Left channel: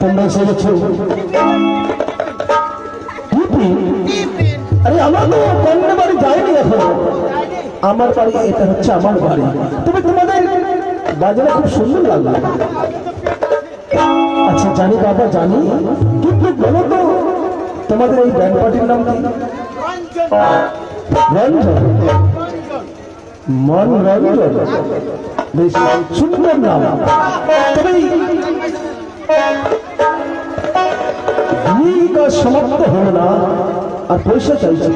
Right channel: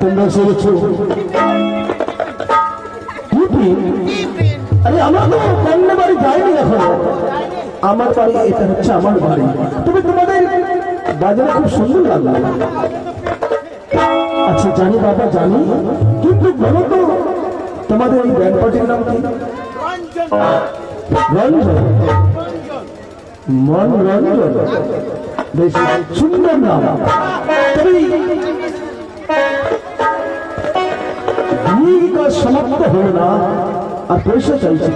তোমরা এসে গেছো। আরে আমরা তো কন্যা বাড়ি যাইনি এখন। আমার বাড়ি, এটা হচ্ছে আমার বাড়ি। তবে তোমাদের বাজারে খুব সুন্দর লাগলো। আচ্ছা জানি বাবা, জানি, কিন্তু বলো তো তোমাদের এই ব্যান্ড পার্টির নাম কি? রঞ্জন। মন রঞ্জন, বেশ সুন্দর নাম। তবে বিয়ে কাজ সমাপ্ত হলো না, আর পয়সা চাইছি।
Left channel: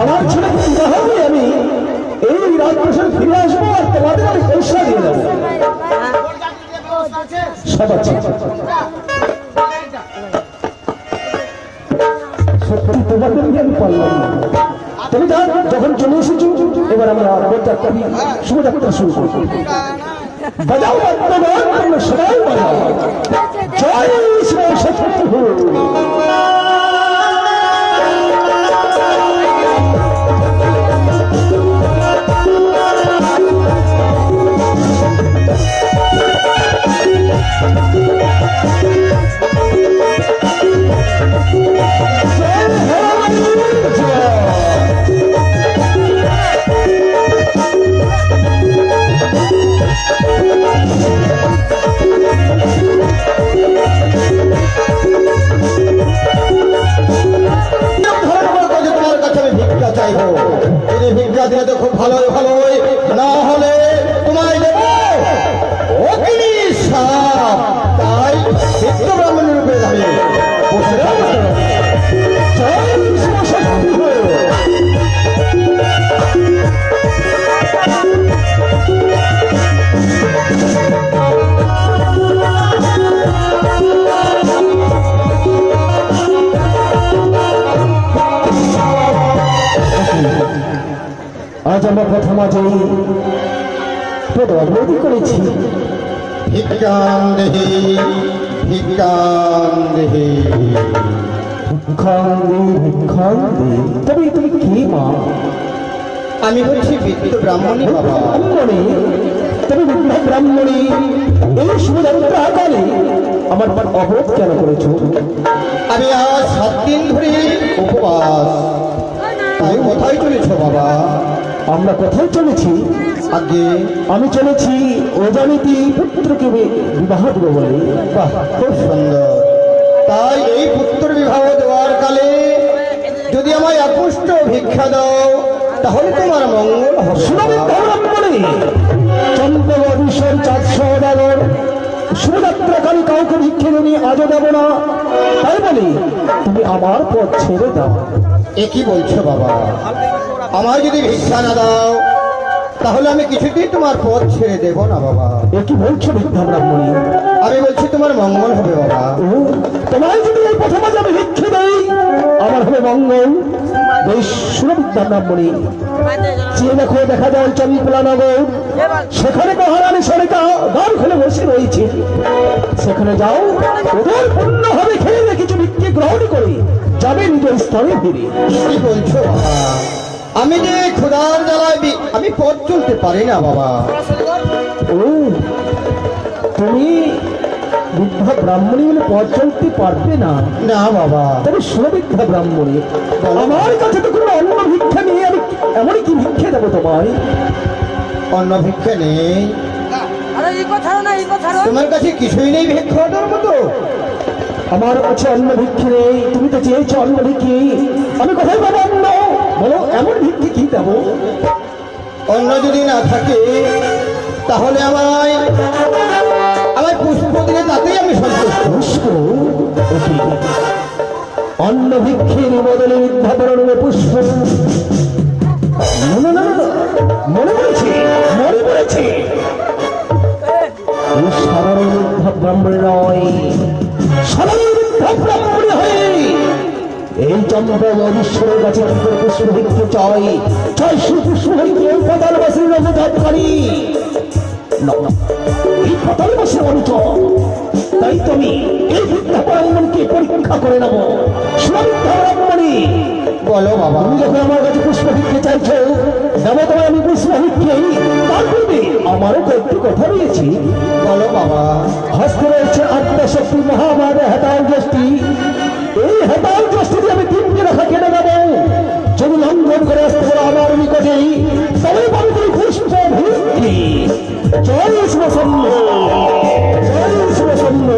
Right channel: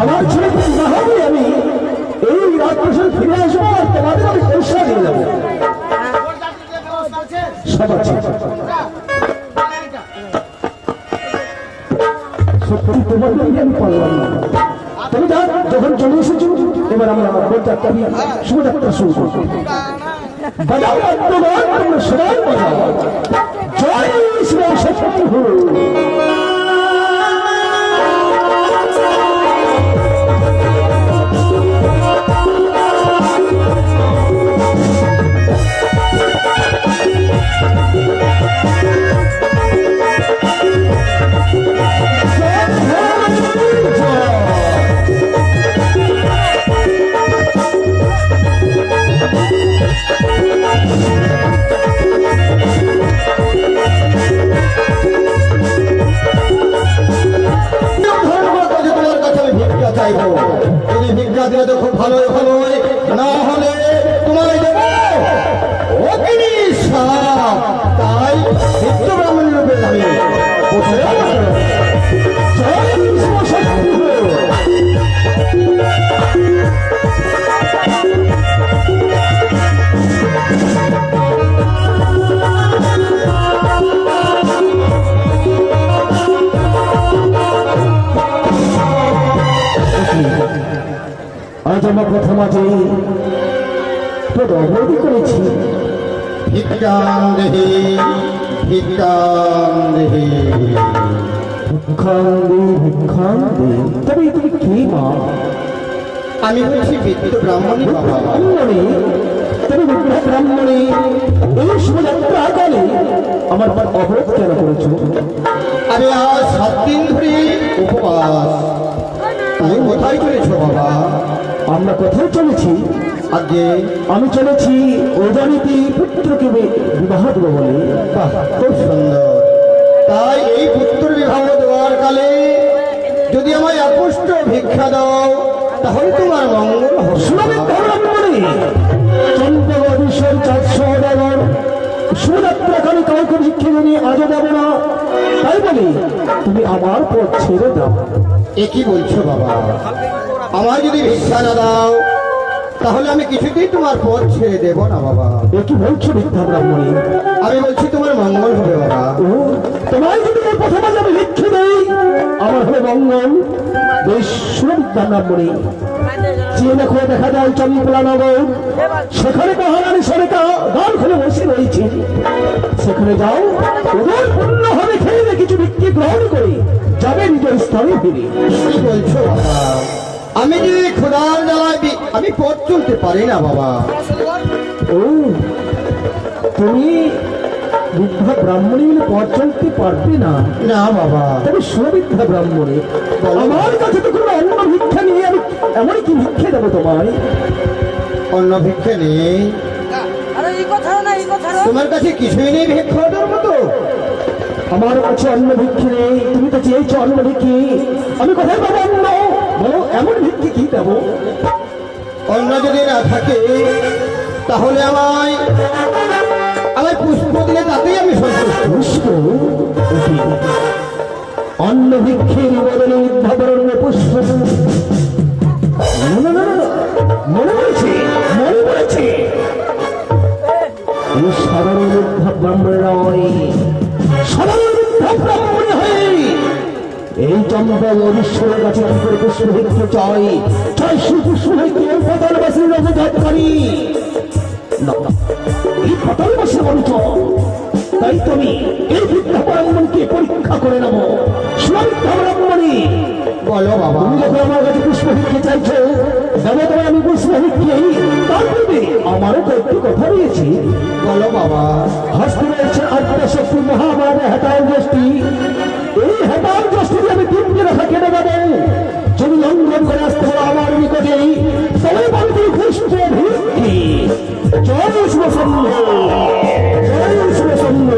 আমার ছেলে বিবাহ হবে, আমি এই রাজপ্রাসাদ ফিরে আসবো, আর তোমাদের আমি পয়সা দিয়ে যাবো। সব আছে। সত্যি তোমাদের আমি পারলাম না। তুমি যান, যখন চলে এসেছো এবার আমরা শুভযাত্রা শুরু করবো। বাজাও বর্তমান, আমরা সবাই বাজাও। জয় শ্রী সত্য। দিলে তো খুব ভালোই ভালো, না হলে তোমায় দেব অগ্নি সাপ। তাই নিত্য ব্রাহ্মণ রূপে যাবে। আজ আমরা প্রথম আজ অবধি করেছি। ভিক্ষাং দেহি, ভিক্ষাং দেহি, ভিক্ষাং দেহি, ভিক্ষাং দেহি। তবে তুমি কি মা? আমি হচ্ছি বৃদ্ধ ব্রাহ্মণী। বাবা ব্রাহ্মণী? তবে বৃদ্ধ ব্রাহ্মণী, এই শুভযাত্রা কালে আমার অবরোধ কেন করেছো? আমি আজ 7 দিন ধরে উপবাস। তাই কোথায় চলেছ বাবা? আমরা কোথায় চলেছি? আগে আমি চলেছি ওজনীতি পুত্রকে বিবাহ দেব বলে। বাহ, খুব সুন্দর। তাই এই পুত্র বিবাহ দেওয়ার কালে যদি আমায় অপুষ্ট ভিক্ষা দাও তাহলে তোমার মঙ্গল হবে। চন্দ্রবধূষণ 400 ডলার শুভযাত্রাকারী কাউকে ভিক্ষে নিয়ে আজও দেব না। তাই বলি তুমি আমার পথ ছেড়ে দাও। এ কি বলছো বাবা? আমায় যদি ভিক্ষা না দাও তাহলে আমি কিছুতেই তোমার পথ ছেড়ে দেবো না বাবা। এ কি বলছো বৃদ্ধা ব্রাহ্মণী? আমি বলছি তোমার মঙ্গল হবে বাবা। তোমায় যদি এই প্রথমে আমি ভিক্ষা দেই আমার হবে মঙ্গল। বেশ সুবিদ্ধা ব্রাহ্মণী, যে দেখো দেখা যায় চন্দ্রপলা নগর, সেখানে মহারানী সরিতা দ্বার খুলে বসে রয়েছে। সেখানে যাও, ওদের পূর্ণ হবে খেয়ে কিছু ভিক্ষে গ্রহণ করে যাবে নিজের স্থানে ফিরে। কি বলছো বাবা? আমি যে খোদার জ্বালায় আমি পথ চলতে পারি না বাবা। ও, তুমি বৃদ্ধা ব্রাহ্মণী বলে পথ চলতে পারবে না? না বাবা। তবে সুবিদ্ধা ব্রাহ্মণী, আমার কাছে তো কোনো অন্য ভিক্ষা নেই। আমি এমনই কি ভিক্ষা দেবো তোমায়? অন্য ভিক্ষা নেই? তোমার কাছে কিছুই নেই ভিক্ষা দেওয়ার মতো? আমার কাছে অন্য ভিক্ষে নেই। তুমি তো চেয়েছো অন্য ভিক্ষে, আমি কোথায় পাবো অন্য? বলো এমন ভিক্ষে কি দেবো? অন্য যদি না থাকে তাহলে আমায় পুষ্প দিলে তাতেই আমি সন্তুষ্ট। অন্য ভিক্ষের বদলে উদ্ভাবন পুষ্প। মনে পড়েছে, মনে পড়েছে, এই সাধারণ উদ্ভাব ব্রাহ্মণ নয়, সাধারণ উদ্ভাব ব্রাহ্মণ হয়ে এই চন্দ্রপল ঈশ্বরের কাছে পুষ্প ভিক্ষে চাই। চাই সুপুষ্প হইতে পাতালবাসীর রঘুধাতকারী না, এই পাতালবাসীর অঞ্চল। তাই তুমি এই ভিক্ষা ব্রাহ্মণকে পরীক্ষা করে নেবো। সুবিদ্ধা ব্রাহ্মণী, বলো বাবা, তুমি যখন আমার কাছে পুষ্প ভিক্ষে চাইছো দেবো তোমায় আমি পুষ্প ভিক্ষে। তার পূর্বে আমারও কয়েকটি কথা রয়েছে। বলো বাবা। হস্তে রয়েছে আদ্যশক্তি মহামারে হেতাল যষ্টি। এই হেতাল যষ্টিকে আমি তিনটে রেখা কেটে দেবো। যদি লঙ্ঘন করে আসতে পারো আমার নিকটে তবে বলতে পুষ্প ভিত্তি। জয় শিবসম্ভ, জয় শিবসম্ভ,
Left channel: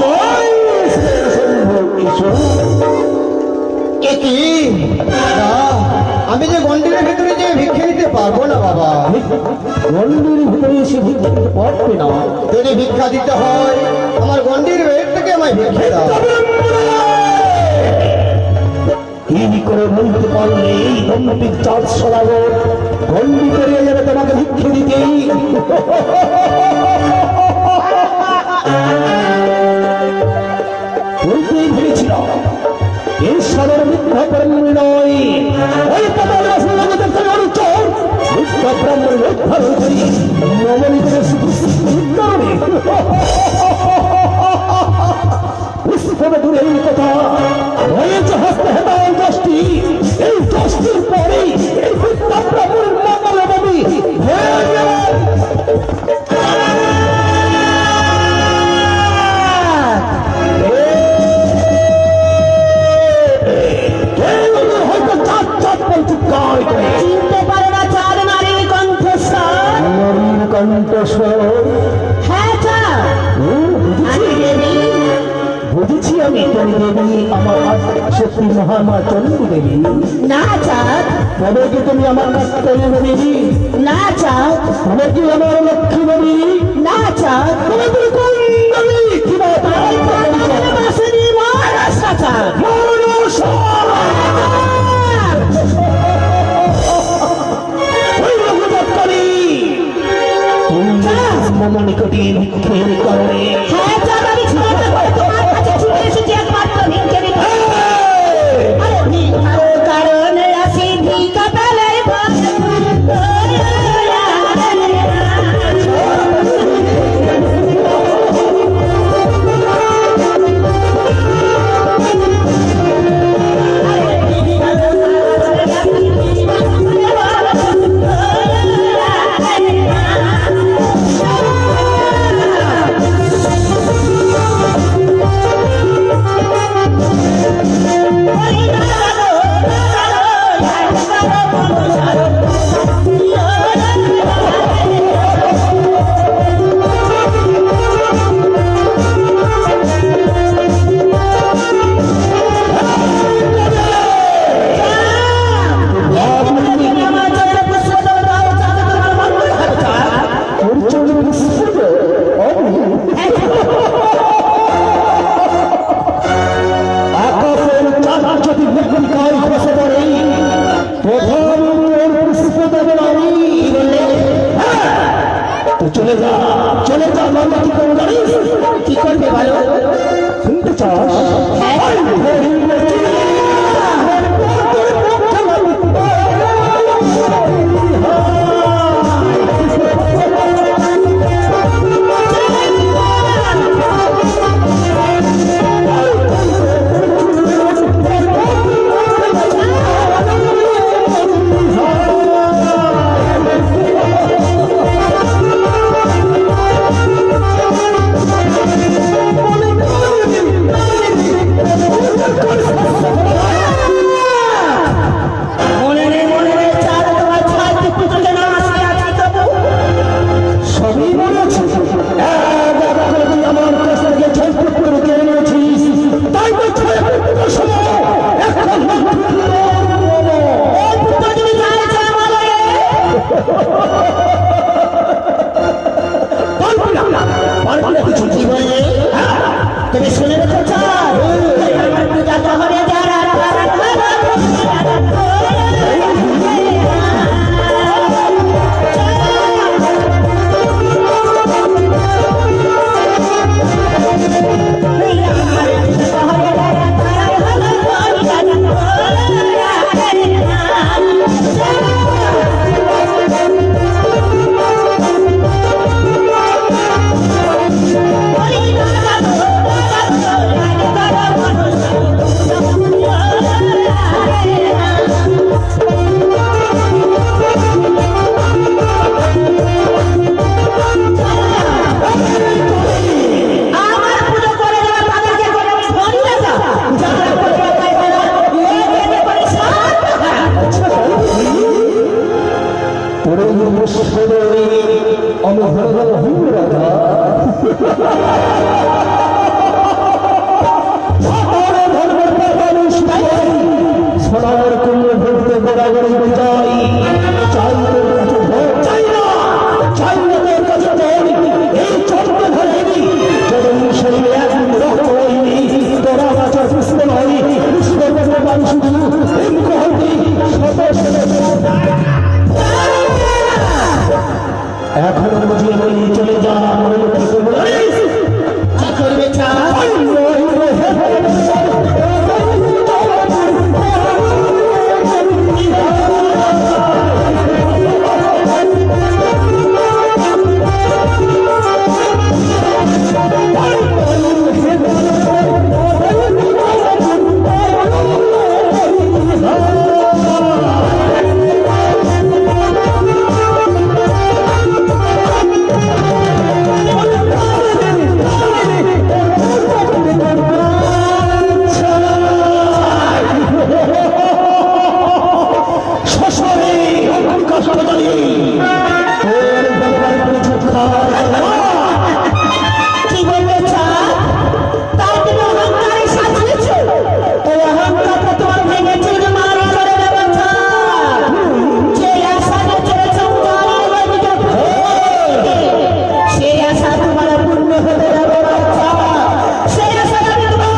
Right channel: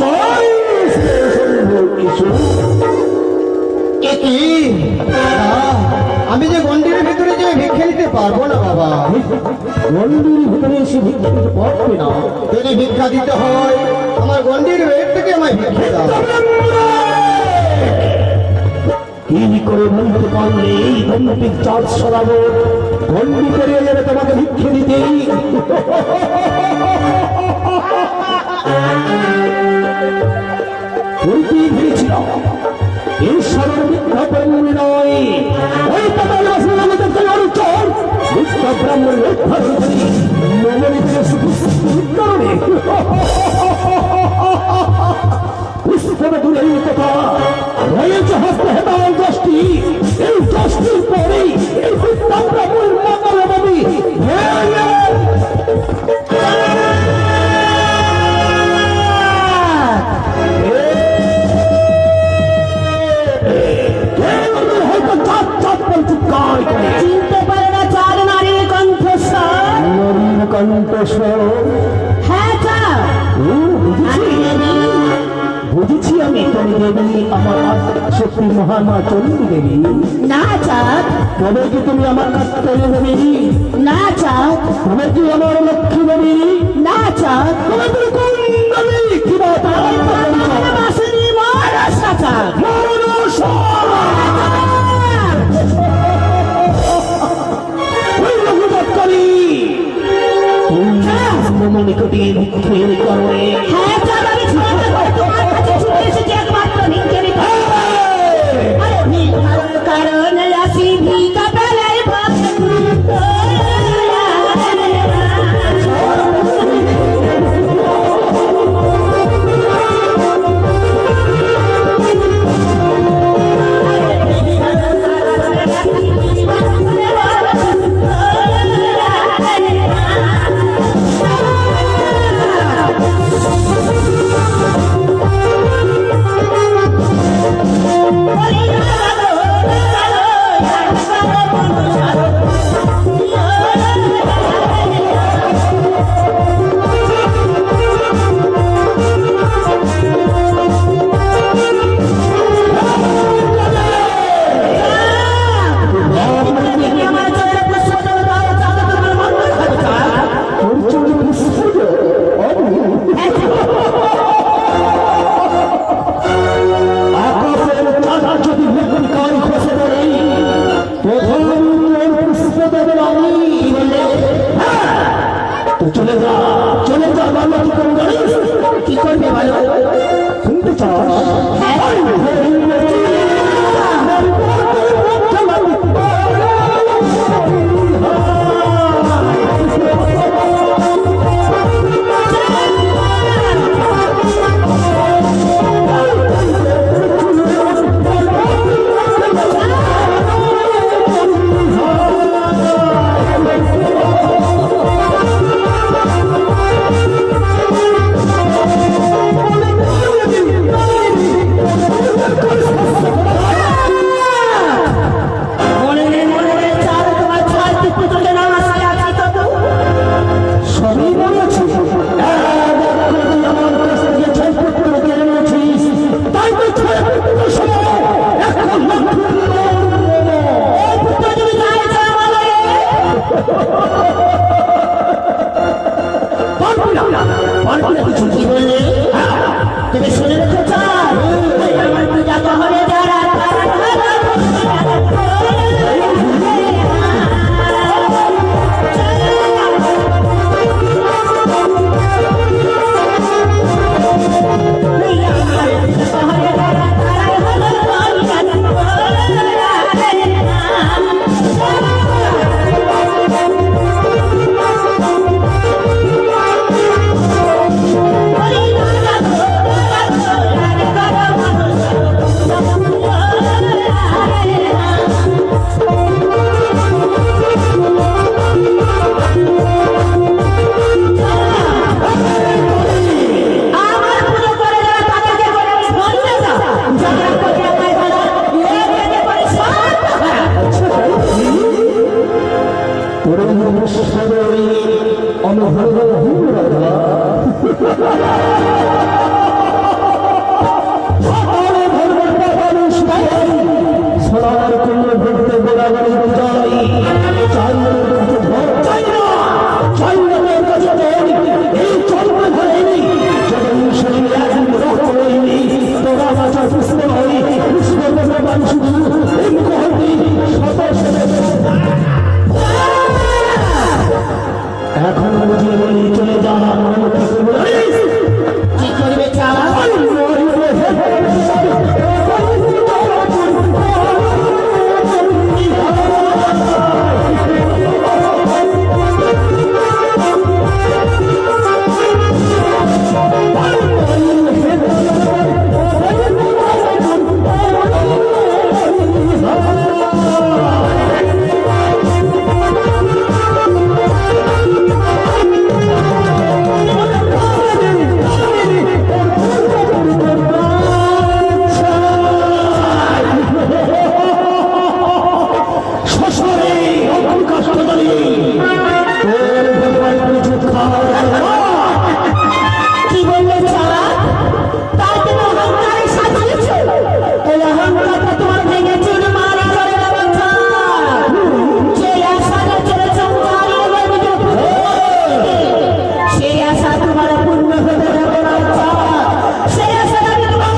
জয় শিবসম্ভ। ঈশ্বর কি আমি যে গন্ডিরের ভেতরে যে ভিক্ষে দিতে পারবো না বাবা। মন্দির ভিতরে এসে ভিক্ষা দিতে পারবে না। যদি ভিক্ষা দিতে হয় আমার গন্ডির ভেতর থেকে আমায় ভিক্ষে দাও। কি করে বলতে পারলে এই দম্পিক চাঁদ সরাবো বন্দি করিয়ে যাবে তোমাকে ভিক্ষে দিতে। বলতেই ভেবেছিলাম ঈশ্বরের মিথ্যা ব্রহ্ম নয়, ওই পাতালবাসী জগতের কোনো অনুচর মিথ্যা ব্রহ্মের রক্ষা করতে মনে করে শুধু কারণে পুষ্পটা দূরে এই কথা রয়েছে হস্তে হেতাল যষ্টি। এই যষ্টির পরেই এই মিথ্যা ব্রহ্মের মঙ্গলবাদী চিনতে পারে না চার নারীর কণ্ঠস্বর। কণ্ঠস্বর হ্যাঁ চার, আমি দেবী। বুঝেছি আমি তুমি দেবী, আমার শক্তি মহামা চন্ডী দেবী। না চাঁদ, তবে কি তুমি আমার কাত্তায়নী দেবী? না চাঁদ, তবে কি আমার লক্ষ্মী দেবী? না চাঁদ, তবে তুমি কোন দেবী? কি বা তোমার পাতালে বাসিনী মহারাষ্ট্র চাঁদ। নিকটে ভিক্ষের কারণে হ্যাঁ চাঁদ, আমি ছড়াতে পারি, তোমার কাছে ছুটে এসেছি একমাত্র ভিক্ষে দিতে। আরে ভিক্ষার কারণে আসি ভিক্ষা পেলে সোনার কুমড়ো ভক্ত গোড়াগড়ি যাই চাই না তোর কাছে তোর এই চন্দ্র ধরেনি যখন সেই এক রক্ত হয়নি তোরা রাজা কৃষ্ণ হয়নি কৃষ্ণ ভগবান শুধু এখন বুঝিয়ে বলি চলে যা কি করবে চাঁদ? কি বললে চাঁদ? তার জন্য অহংকারে সাজিয়েছ? এই অহংকারটা তোমার ভেঙে চুরমার করে দেবো চাঁদ। যে আশাটা ছেড়েছ তারই বাড়িতে সেই আশা তোমার পূর্ণ হতে দেবো না চাঁদ। সেই আশাটা আমি তোমার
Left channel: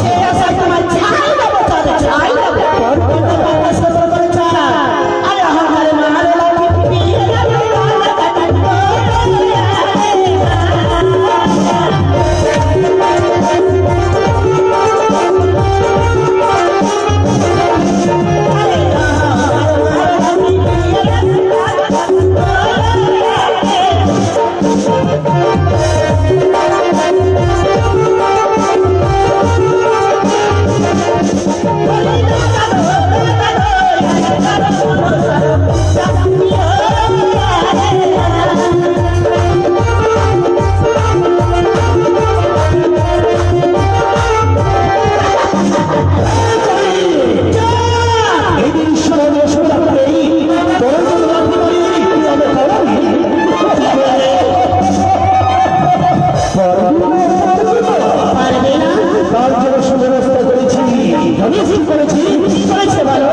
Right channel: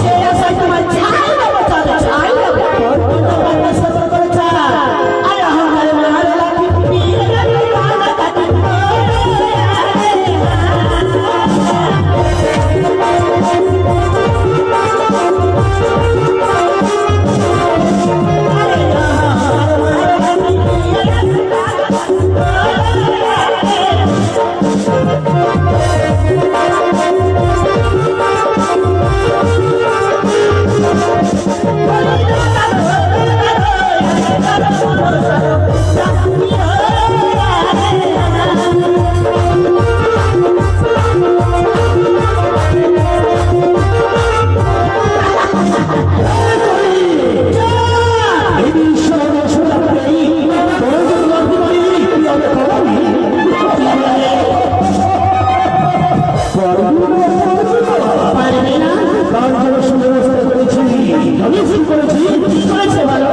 সেই আশায় তোমার চাই দেবো চাঁদ, চাই দেবো। সফর করে চাঁদ আর অহংকারে মার লাগে পিয়ে গেল পারবে না। তার জন্য সুব্যবস্থা করেছি করেছি করেছে ভালো।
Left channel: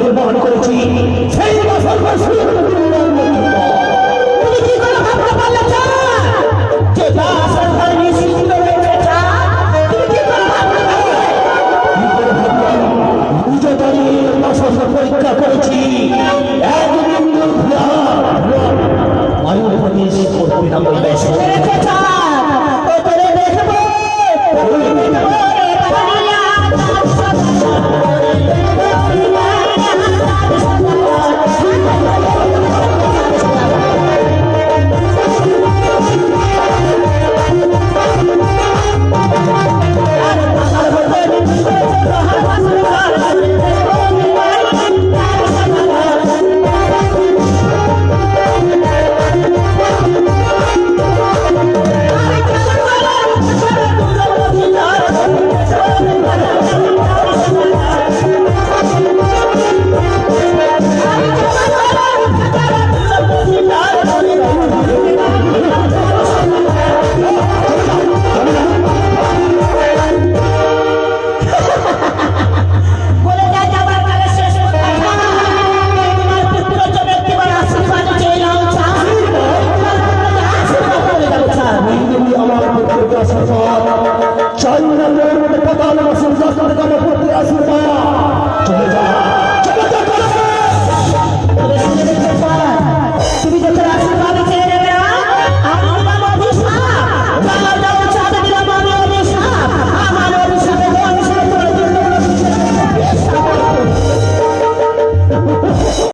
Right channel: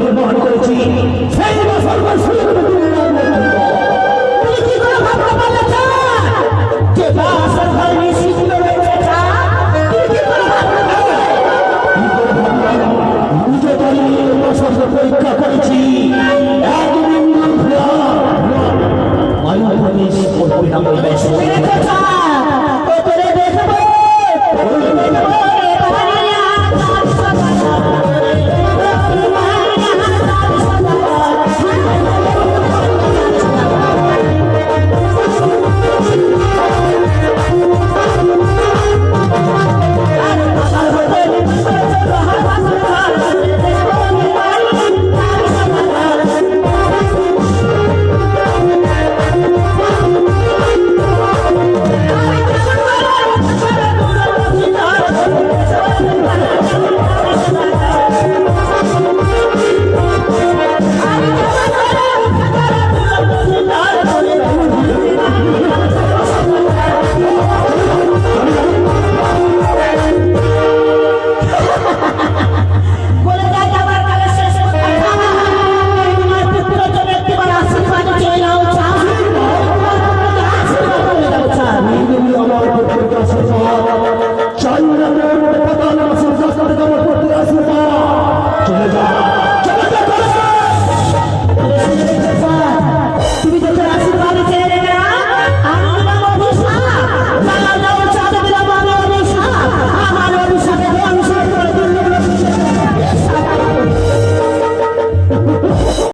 নির্মাণ করেছি সেই তুমি কি করে ভাবতে পারলে চাঁদ? যে যা সরকার নিশ্চিত রয়েছে চাঁদ, তুমি কি করে ভাবতে পারলে? নিজে দাঁড়িয়ে পরীক্ষা করেছি একদিন মায়ের প্রতি করতে না